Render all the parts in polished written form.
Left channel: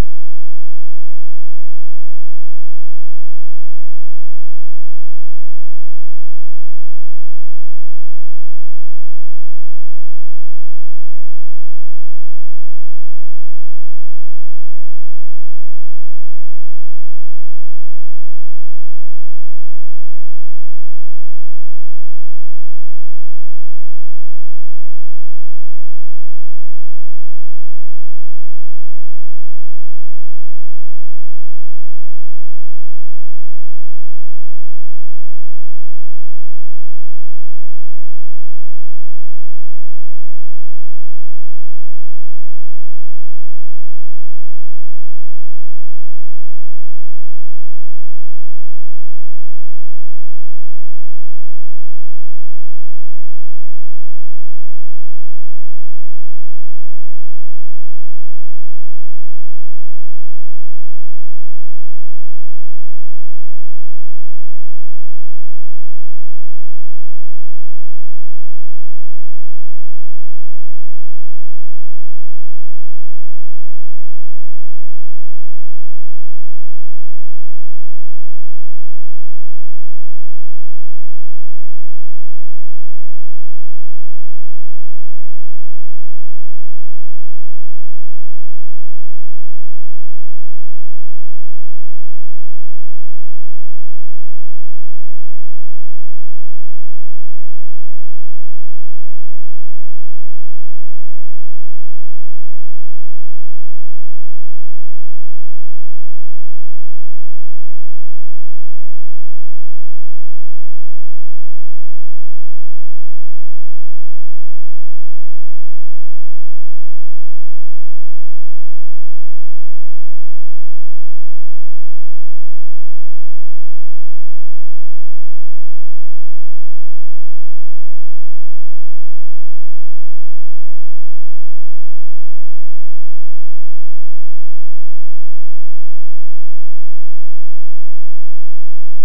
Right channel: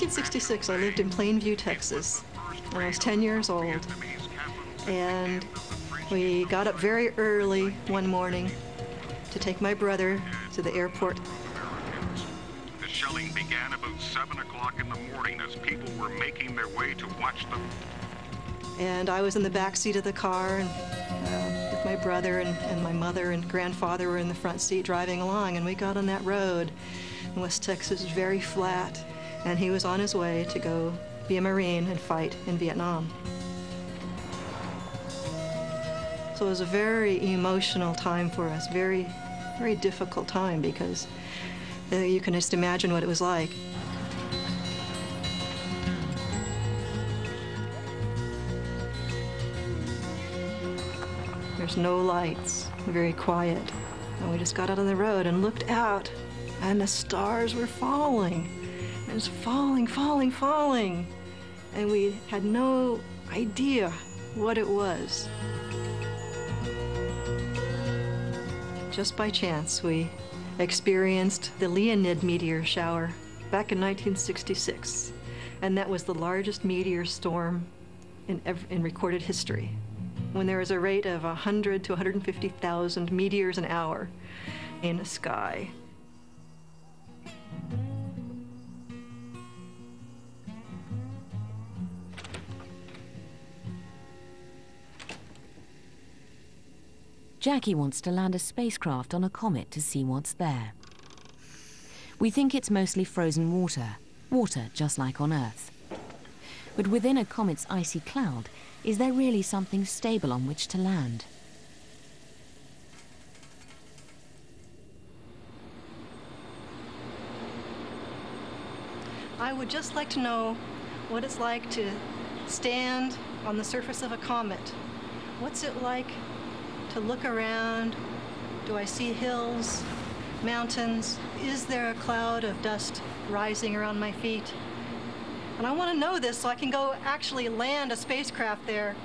1966, I lived in Plainview, Texas. When I was 10 years old. And we got up very early one morning to take my brother to the airport. The shelling began about 7 o'clock in the morning as people were making their way to watch them. And I was in the back seat of the car, and with my brother and my mother and grandfather were in the front seat driving along, and we got on that road. And West Texas is very flat, and he was on his way to go be a Marine and fight in Vietnam. So it was a very emotional time for us, very, very difficult time, because you can just imagine what it was like. There's no lights, very quiet. And we just got out on the road and looked out, and the stars were falling. It was falling, falling, falling. And we had no idea what it was. Just by chance, we experienced the Leonid meteor shower back in 1966. And that was the largest meteor storm in recorded history, when there was a rate of 100 to 150,000 meteors an hour in the sky. Jackie wants to land a spacecraft on a comet to see what's there. We think it's mostly frozen water, water just like on Earth. But within a comet's icy cloud, is there really something stable on which to land? I would just like to know what it's like to stand on the surface of a comet. What's it like to look around? Do I see hills, mountains? Is there a cloud of dust rising around my feet? And I want to know this so I can go actually land a spacecraft there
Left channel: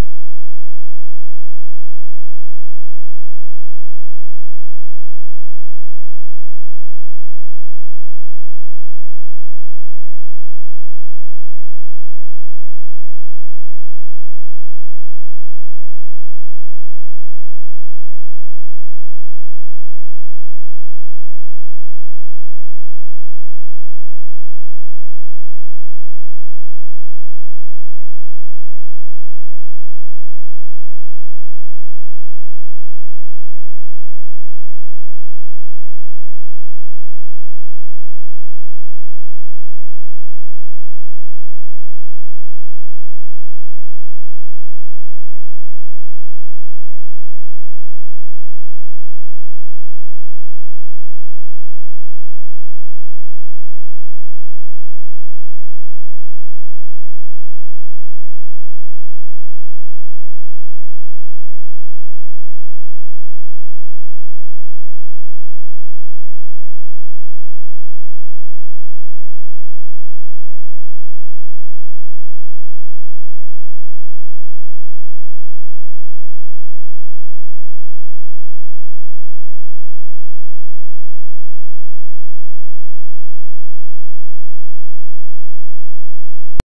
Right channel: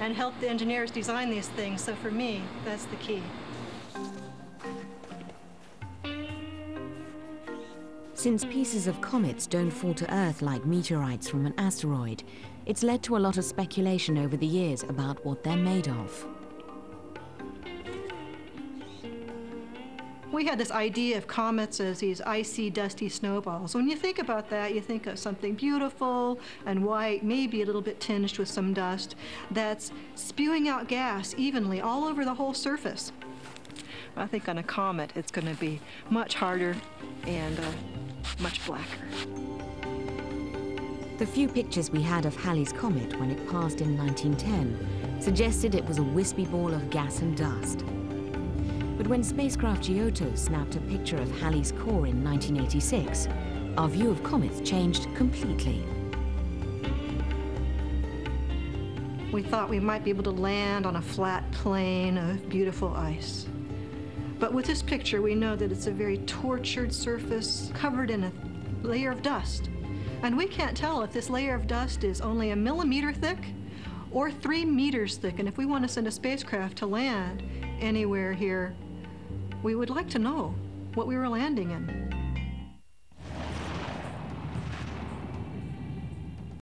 and help the engineers design these things. So for me, that's the key. Since pieces of comets don't fall to Earth like meteorites from an asteroid, it's led to a lot of speculation over the years about what they're made of. We had this idea of comets as these icy, dusty snowballs. When you think about that, you think of something beautiful and white, maybe a little bit tinged with some dust, that's spewing out gas evenly all over the whole surface. I think on a comet, it's going to be much harder and much blacker. The few pictures we had of Halley's Comet when it passed in 1910 suggested it was a wispy ball of gas and dust. But when spacecraft Giotto snapped a picture of Halley's core in 1986, our view of comets changed completely. We thought we might be able to land on a flat plain of beautiful ice. But with this picture, we know that it's a very tortured surface covered in a layer of dust. And we can't tell if this layer of dust is only a millimeter thick or 3 meters thick. And if we want to send a spacecraft to land anywhere here, we would like to know what we were landing in.